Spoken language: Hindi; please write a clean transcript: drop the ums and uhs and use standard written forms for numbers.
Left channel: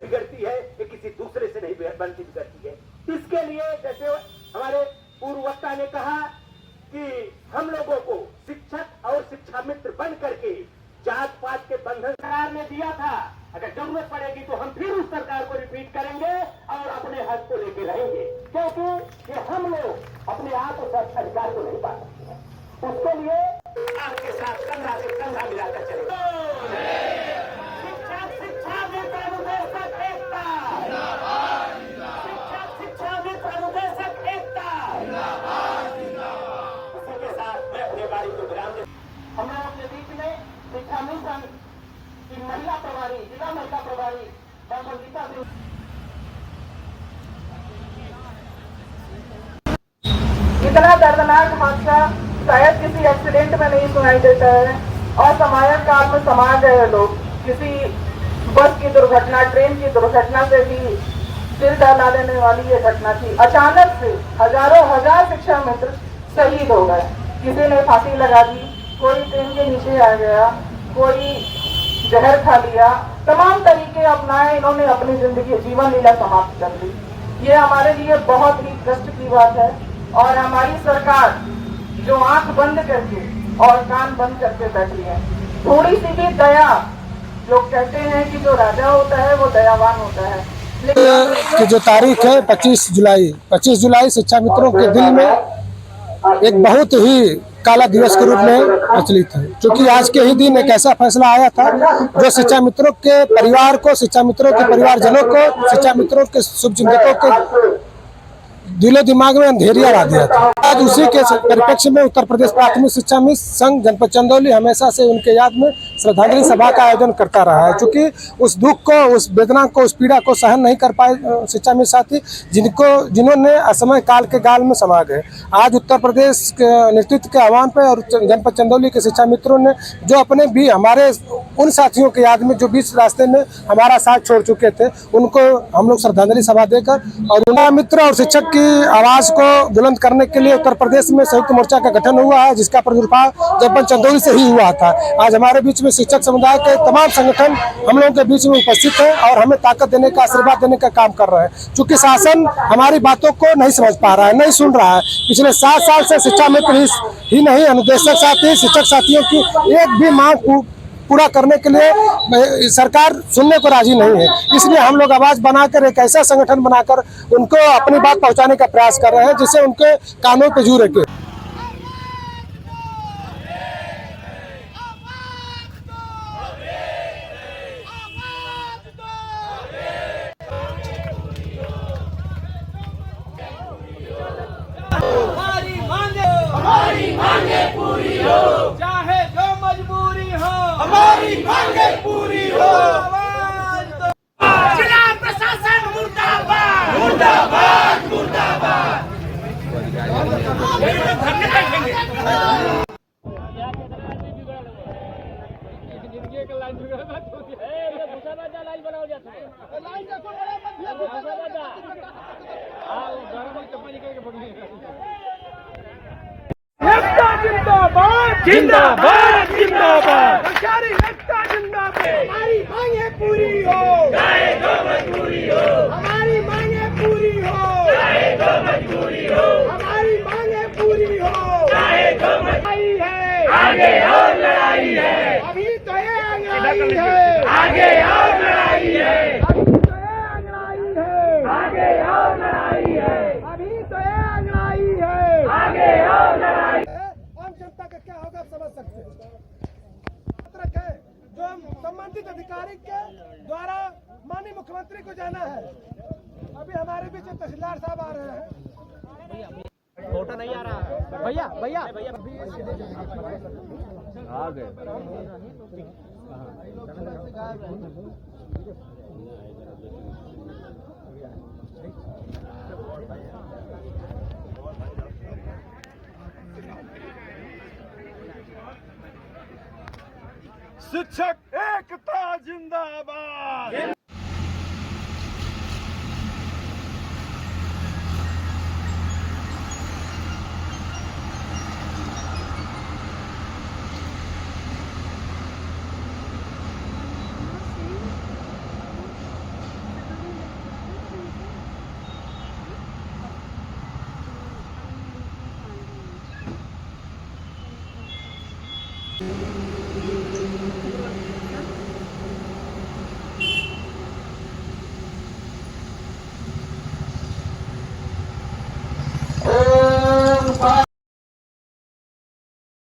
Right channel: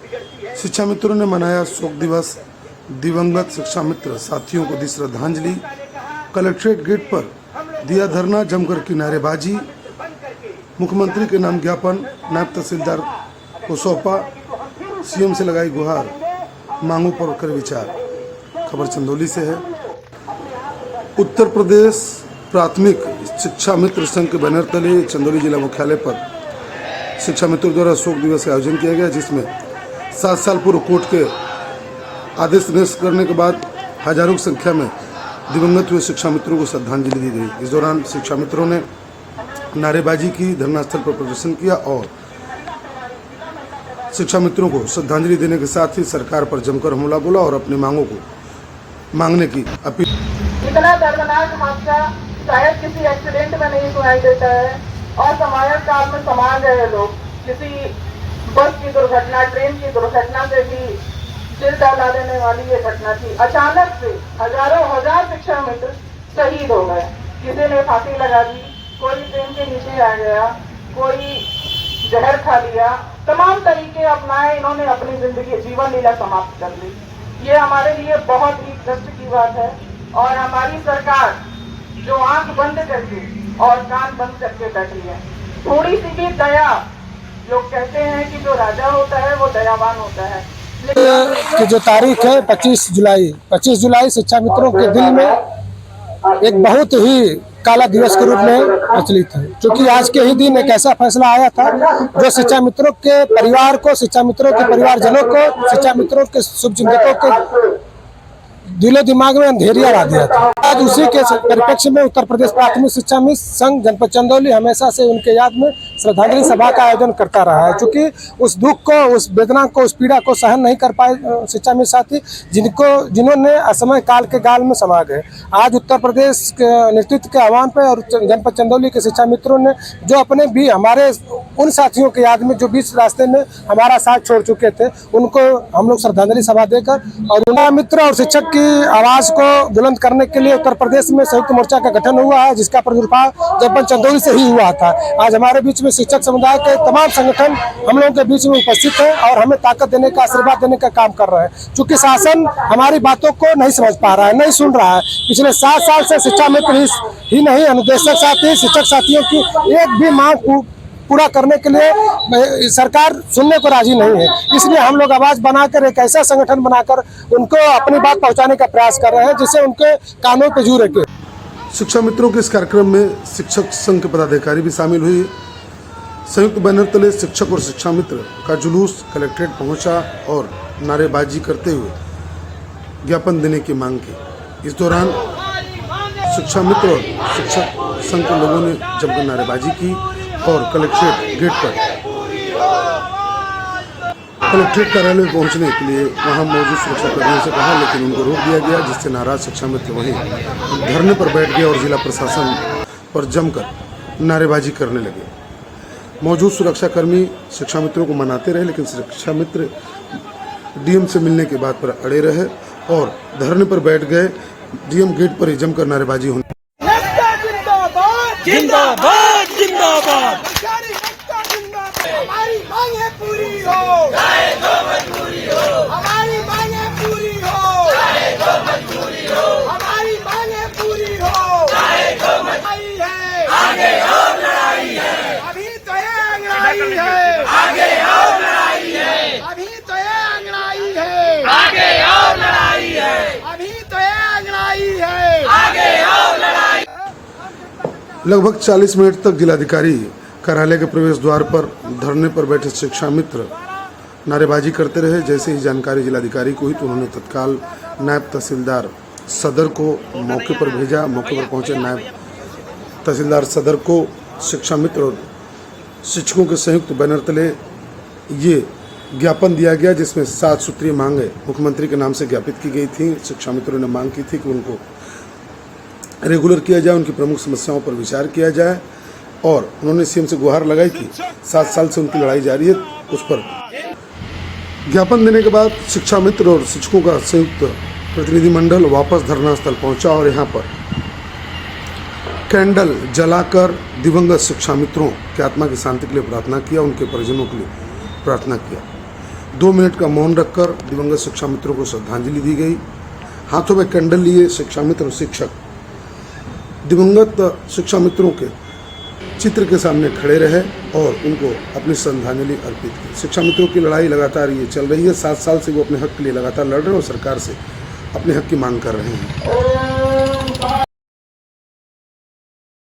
शिक्षा मित्रों ने मनाया शोक दिवस। दिवंगत शिक्षा मित्र साथियों को दी श्रद्धांजलि। कलेक्ट्रेट गेट पर दिया धरना, जमकर की नारेबाजी। मुख्यमंत्री के नाम ज्ञापन नायब तहसीलदार को सौंपा। सीएम से लगाई गुहार, मांगों पर कर विचार। खबर चंदौली से है। उत्तर प्रदेश प्राथमिक शिक्षा मित्र संघ के बैनर तले चंदौली जिला मुख्यालय पर शिक्षा मित्रों द्वारा शोक दिवस का आयोजन किया गया, जिसमें 7 साल पूर्व कोर्ट के आदेश निरस्त करने के बाद हजारों की संख्या में दिवंगत हुए शिक्षा मित्रों को श्रद्धांजलि दी गई। इस दौरान शिक्षा मित्रों ने नारेबाजी की, धरनास्थल पर प्रदर्शन किया और शिक्षा मित्रों को श्रद्धांजलि देने के साथ ही सरकार पर जमकर हमला बोला और अपनी मांगों को मांगने की अपील। इतना दर्दनाक हादसा शायद किसी एक्सीडेंट में नहीं सुनाई देता है और समाज काल में समा गए लोग किसी बस की दुर्घटना, ट्रेन की दुर्घटना से भी दिल दहला देने वाली ये घटना थी। अचानक से हजारों हजार शिक्षा मित्र शहीद हो गए। किसी ने फांसी लगा दी, कोई ट्रेन के नीचे आ गया, कोई जहर खा लिया, तमाम तरीके अपनाए इन्होंने अपनी जिंदगी जीवन लीला समाप्त कर ली। ये हमारे लिए बहुत ही कष्ट की बात है और हमारी सरकार जो आंख बंद करके और कान बंद करके बैठी है, थोड़ी सी भी दया, लोग कहते हैं कि जो राजा होता है वो दयावान होता है, कि जो तारीख है 25 जुलाई शिक्षा मित्रों के दिल में एक बहुत ही काला दिवस के रूप में प्रचलित है, क्योंकि आज के ही दिन एक ऐसा फैसला आया था जो शिक्षा मित्रों के परिवार को, शिक्षा मित्रों के परिवारजनों को, शिक्षा मित्रों के शुभचिंतकों के दिलो दिमाग में अंधेरिया ला दिया था। आज उसी के परिप्रेक्ष्य में उत्तर प्रदेश प्राथमिक शिक्षा मित्र संघ जनपद चंदौली हमेशा से उनके याद में श्रद्धांजलि सभा का आयोजन करता रहा है, क्योंकि उस दुख को, उस वेदना को, उस पीड़ा को सहन नहीं कर पाए शिक्षा मित्र साथी, जिन्होंने असमय काल के गाल में समा गए। आज उत्तर प्रदेश के नेतृत्व के आह्वान पर और जनपद चंदौली के शिक्षा मित्रों ने जो अपने भी हमारे उन साथियों के याद में जो बीच रास्ते में हमारा साथ छोड़ चुके थे, उनको हम लोग श्रद्धांजलि सभा देकर और उनका मित्र और शिक्षक की आवाज को बुलंद करने के लिए उत्तर प्रदेश में संयुक्त मोर्चा का गठन हुआ है, जिसका प्रादुर्भाव जनपद चंदौली से ही हुआ था। आज हमारे बीच में शिक्षक समुदाय के तमाम संगठन हम लोगों के बीच में उपस्थित है और हमें ताकत देने का, आशीर्वाद देने का काम कर रहे हैं। चूंकि शासन हमारी बातों को नहीं समझ पा रहा है, नहीं सुन रहा है। पिछले 7 साल से शिक्षा मित्र ही नहीं, अनुदेशक साथी, शिक्षक साथियों की एक भी मांग पूरा करने के लिए सरकार सुनने को राजी नहीं है। इसलिए हम लोग आवाज बनाकर एक ऐसा संगठन बनाकर उनको अपनी बात पहुंचाने का प्रयास कर रहे हैं, जिससे उनके कानों पे जू रखे। शिक्षा मित्रों के इस कार्यक्रम में शिक्षक संघ के पदाधिकारी भी शामिल हुए। संयुक्त बैनर तले शिक्षक और शिक्षा मित्र का जुलूस कलेक्ट्रेट पहुंचा और नारेबाजी करते हुए ज्ञापन देने की मांग की। इस दौरान शिक्षा मित्र और शिक्षक संघ के लोगों ने जमकर नारेबाजी की और कलेक्ट्रेट कार्यालय में पहुंचने के लिए वहां मौजूद शिक्षकों से कहा, लेकिन उनको रोक दिया गया, जिससे नाराज शिक्षा मित्र वहीं धरने पर बैठ गए और जिला प्रशासन पर जमकर नारेबाजी करने लगे। मौजूद सुरक्षाकर्मी शिक्षा मित्रों को मनाते रहे, लेकिन शिक्षा मित्र डीएम से मिलने की बात पर अड़े रहे और धरने पर बैठ गए। डीएम गेट पर ही जमकर नारेबाजी होने। जिंदाबाद जिंदाबाद जिंदाबाद, हमारी मांगें पूरी हो, चाहे जो मजबूरी हो, हमारी मांगें पूरी हो, चाहे जो मजबूरी हो, हमारी मांगें पूरी हो, चाहे जो मजबूरी है, आगे और लड़ाई है, अभी तो ये अंगड़ाई है, आगे और लड़ाई है, अभी तो ये अंगड़ाई है, आगे और लड़ाई है, अभी तो ये अंगड़ाई है, आगे और लड़ाई। लगभग 40 मिनट तक जिलाधिकारी कार्यालय के प्रवेश द्वार पर धरने पर बैठे शिक्षा मित्र नारेबाजी करते रहे। जैसे ही जानकारी जिलाधिकारी को हुई तो उन्होंने तत्काल नायब तहसीलदार सदर को मौके पर भेजा। मौके पर पहुंचे नायब तहसीलदार सदर को शिक्षा मित्र और शिक्षकों के संयुक्त बैनर तले ये ज्ञापन दिया गया, जिसमें 7 सूत्रीय मांगें मुख्यमंत्री के नाम से ज्ञापित की गई थी। शिक्षा मित्रों ने मांग की थी कि उनको रेगुलर किया जाए, उनकी प्रमुख समस्याओं पर विचार किया जाए और उन्होंने सीएम से गुहार लगाई थी। 7 साल से उनकी लड़ाई जारी है, उस पर ज्ञापन देने के बाद शिक्षा मित्र और शिक्षकों का संयुक्त प्रतिनिधिमंडल वापस धरना स्थल पहुंचा और यहां पर कैंडल जलाकर दिवंगत शिक्षा मित्रों की आत्मा की शांति के लिए प्रार्थना किया, उनके परिजनों के लिए प्रार्थना किया। 2 मिनट का मौन रखकर दिवंगत शिक्षा मित्रों को श्रद्धांजलि दी गई। हाथों में कैंडल लिए शिक्षा मित्र और शिक्षक दिवंगत शिक्षा मित्रों के चित्र के सामने खड़े रहे और उनको अपनी श्रद्धांजलि अर्पित की। शिक्षा मित्रों की लड़ाई लगातार ये चल रही है। 7 साल से वो अपने हक के लिए लगातार लड़ रहे हैं और सरकार से अपने हक की मांग कर रहे हैं।